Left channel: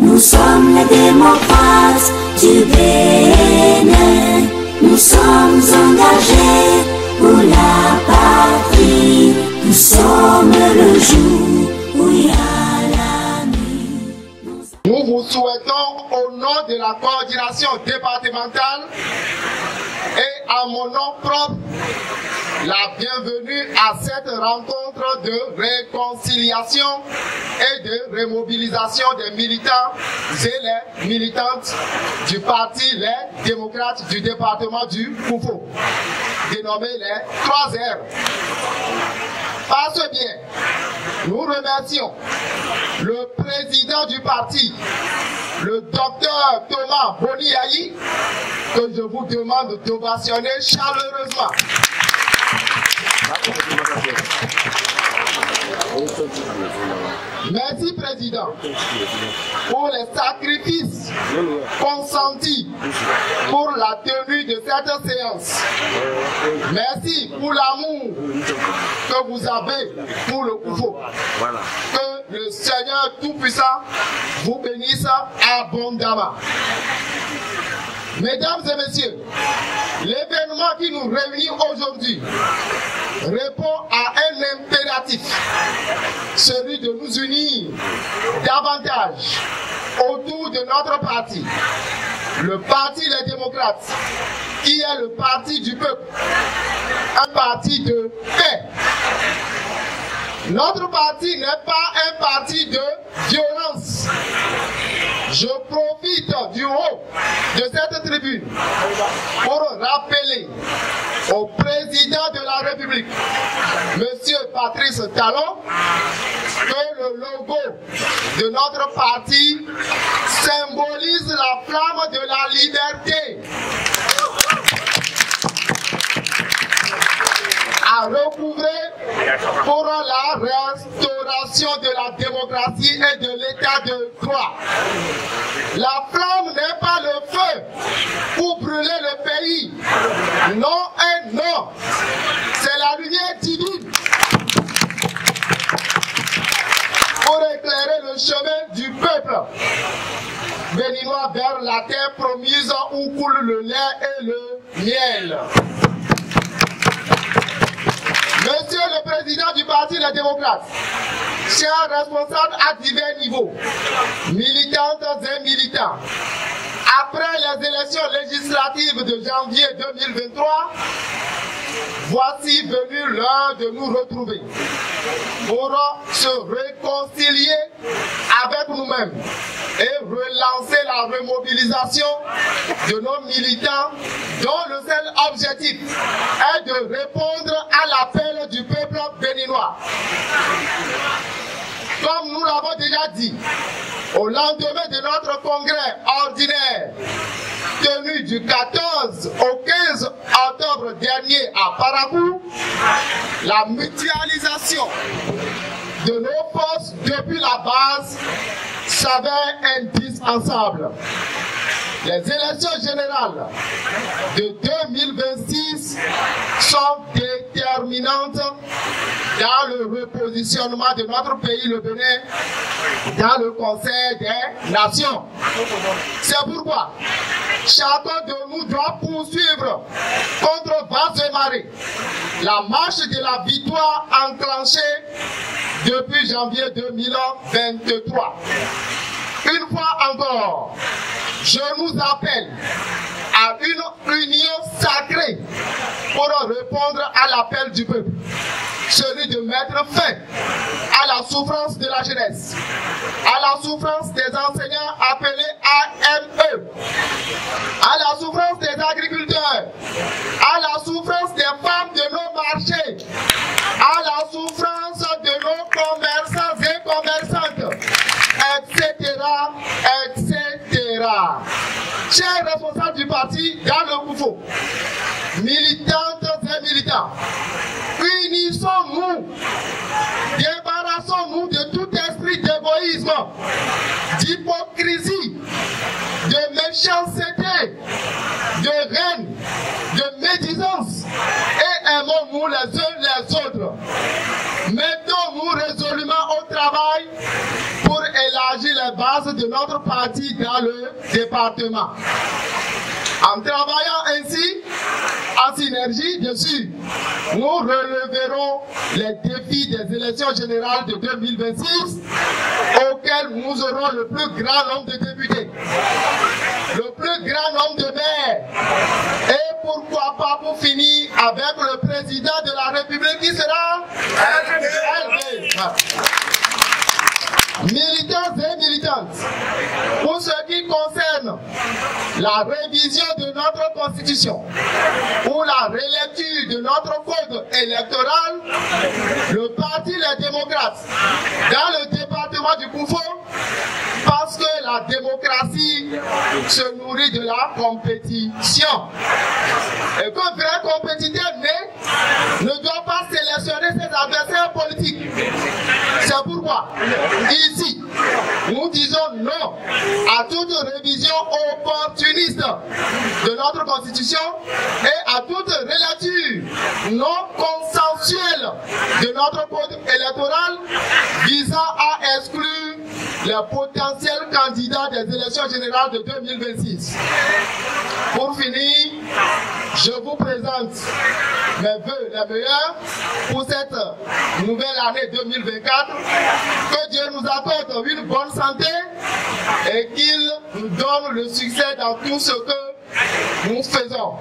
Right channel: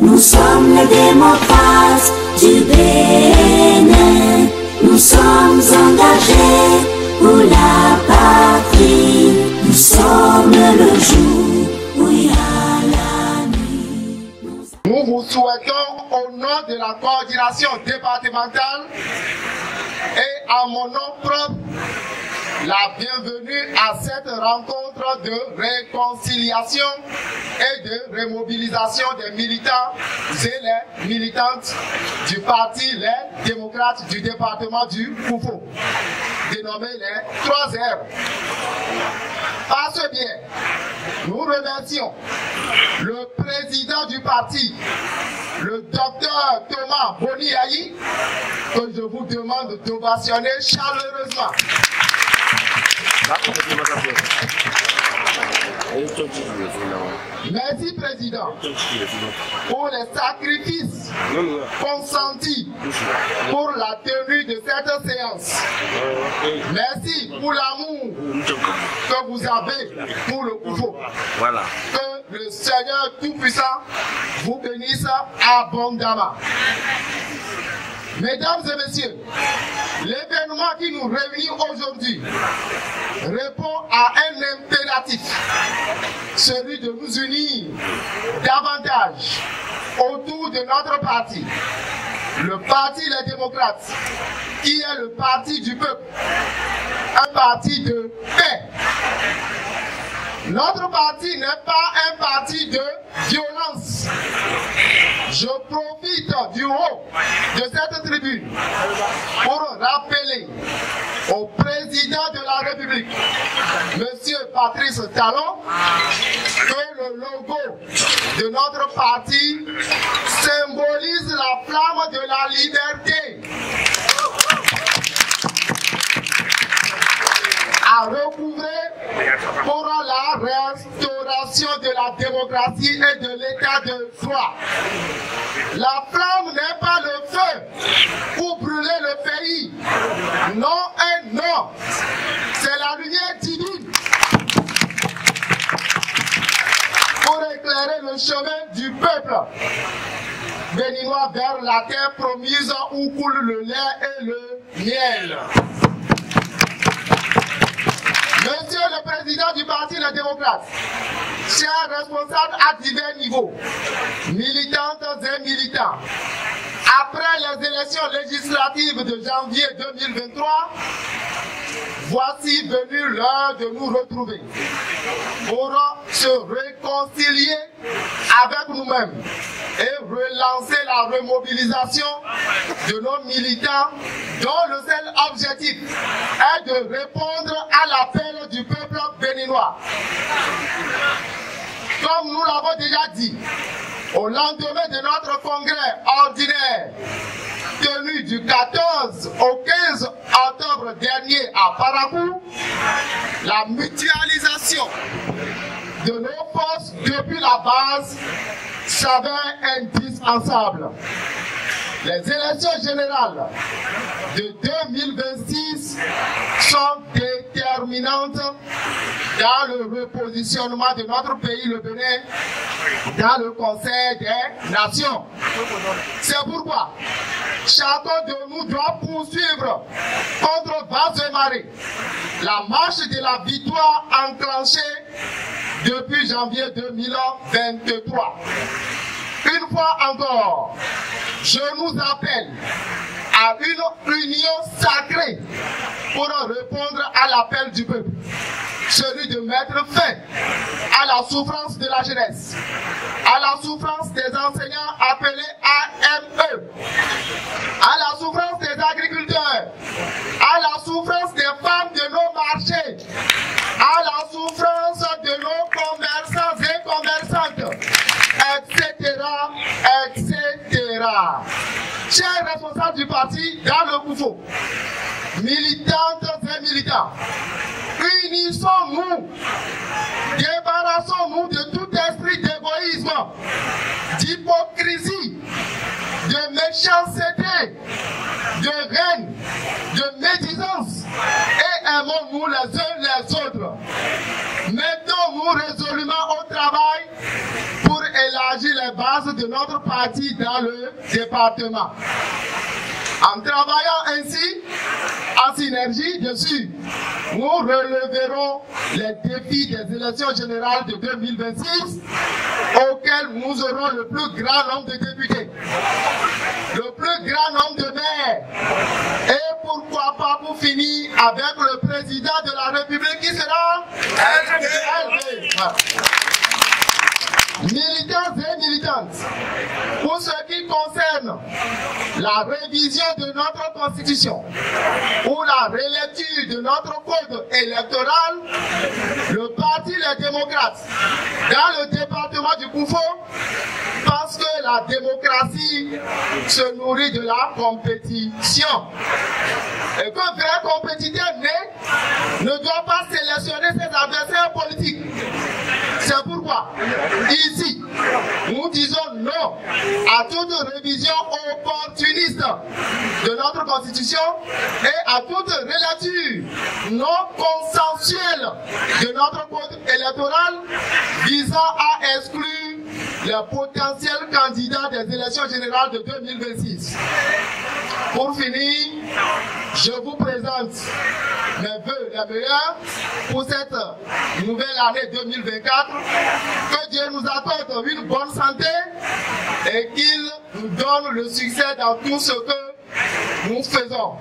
nous sommes les démocrates du Bénin. Nous sommes engagés pour la patrie. Nous sommes le jour où il y a la nuit. Nous vous souhaitons au nom de la coordination départementale et à mon nom propre la bienvenue à cette rencontre de réconciliation et de remobilisation des militants et les militantes du parti Les Démocrates du département du Koufou, dénommé les 3R. Par ce biais, nous remercions le président du parti, le docteur Thomas Boniaï, que je vous demande d'ovationner chaleureusement. Merci, Président, pour les sacrifices consentis pour la tenue de cette séance. Merci pour l'amour que vous avez pour le Koufou. Que le Seigneur Tout-Puissant vous bénisse abondamment. Mesdames et messieurs, l'événement qui nous réunit aujourd'hui répond à un impératif, celui de nous unir davantage autour de notre parti, le parti Les Démocrates, qui est le parti du peuple, un parti de paix. Notre parti n'est pas un parti de violence. Je profite du haut de cette tribune pour rappeler au président de la République, M. Patrice Talon, que le logo de notre parti symbolise la flamme de la liberté, à recouvrer pour la restauration de la démocratie et de l'état de droit. La flamme n'est pas le feu pour brûler le pays. Non et non. C'est la lumière divine pour éclairer le chemin du peuple béninois vers la terre promise où coule le lait et le miel. Monsieur le Président du Parti Les Démocrates, chers responsables à divers niveaux, militantes et militants, après les élections législatives de janvier 2023, voici venu l'heure de nous retrouver pour se réconcilier avec nous-mêmes et relancer la remobilisation de nos militants dont le seul objectif est de répondre à l'appel du peuple béninois. Comme nous l'avons déjà dit, au lendemain de notre congrès ordinaire tenu du 14 au 15 octobre dernier à Parakou, la mutualisation de nos forces depuis la base s'avère indispensable. Les élections générales de 2026 sont déterminantes dans le repositionnement de notre pays, le Bénin, dans le Conseil des Nations. C'est pourquoi chacun de nous doit poursuivre contre vents et marées la marche de la victoire enclenchée depuis janvier 2023. Une fois encore, je nous appelle à une union sacrée pour répondre à l'appel du peuple, celui de mettre fin à la souffrance de la jeunesse, à la souffrance des enseignants appelés AME, à la souffrance des agriculteurs, à la souffrance des femmes de nos marchés, à la souffrance de nos commerçants et commerçantes, etc., etc. Chers responsables du parti dans le Koufou, militantes et militants, unissons-nous, débarrassons-nous de tout esprit d'égoïsme, d'hypocrisie, de méchanceté, de haine, de médisance et aimons-nous les uns les autres. Mettons-nous résolument au travail pour élargir élargir les bases de notre parti dans le département. En travaillant ainsi, en synergie, bien sûr, nous releverons les défis des élections générales de 2026 auxquels nous aurons le plus grand nombre de députés, le plus grand nombre de maires et pourquoi pas pour finir avec le président de la République qui sera LV. Militants et militantes, pour ce qui concerne la révision de notre constitution ou la relecture de notre code électoral, le Parti Les Démocrates, dans le département du Koufo, parce que la démocratie se nourrit de la compétition. Et qu'un vrai compétiteur né ne doit pas sélectionner ses adversaires politiques. C'est pourquoi, ici, nous disons non à toute révision opportuniste de notre constitution et à toute relecture non consensuelle de notre code électoral visant à exclure les potentiels candidats des élections générales de 2026. Pour finir, je vous présente mes vœux les meilleurs pour cette nouvelle année 2024. Que Dieu nous accorde une bonne santé et qu'il nous donne le succès dans tout ce que nous faisons.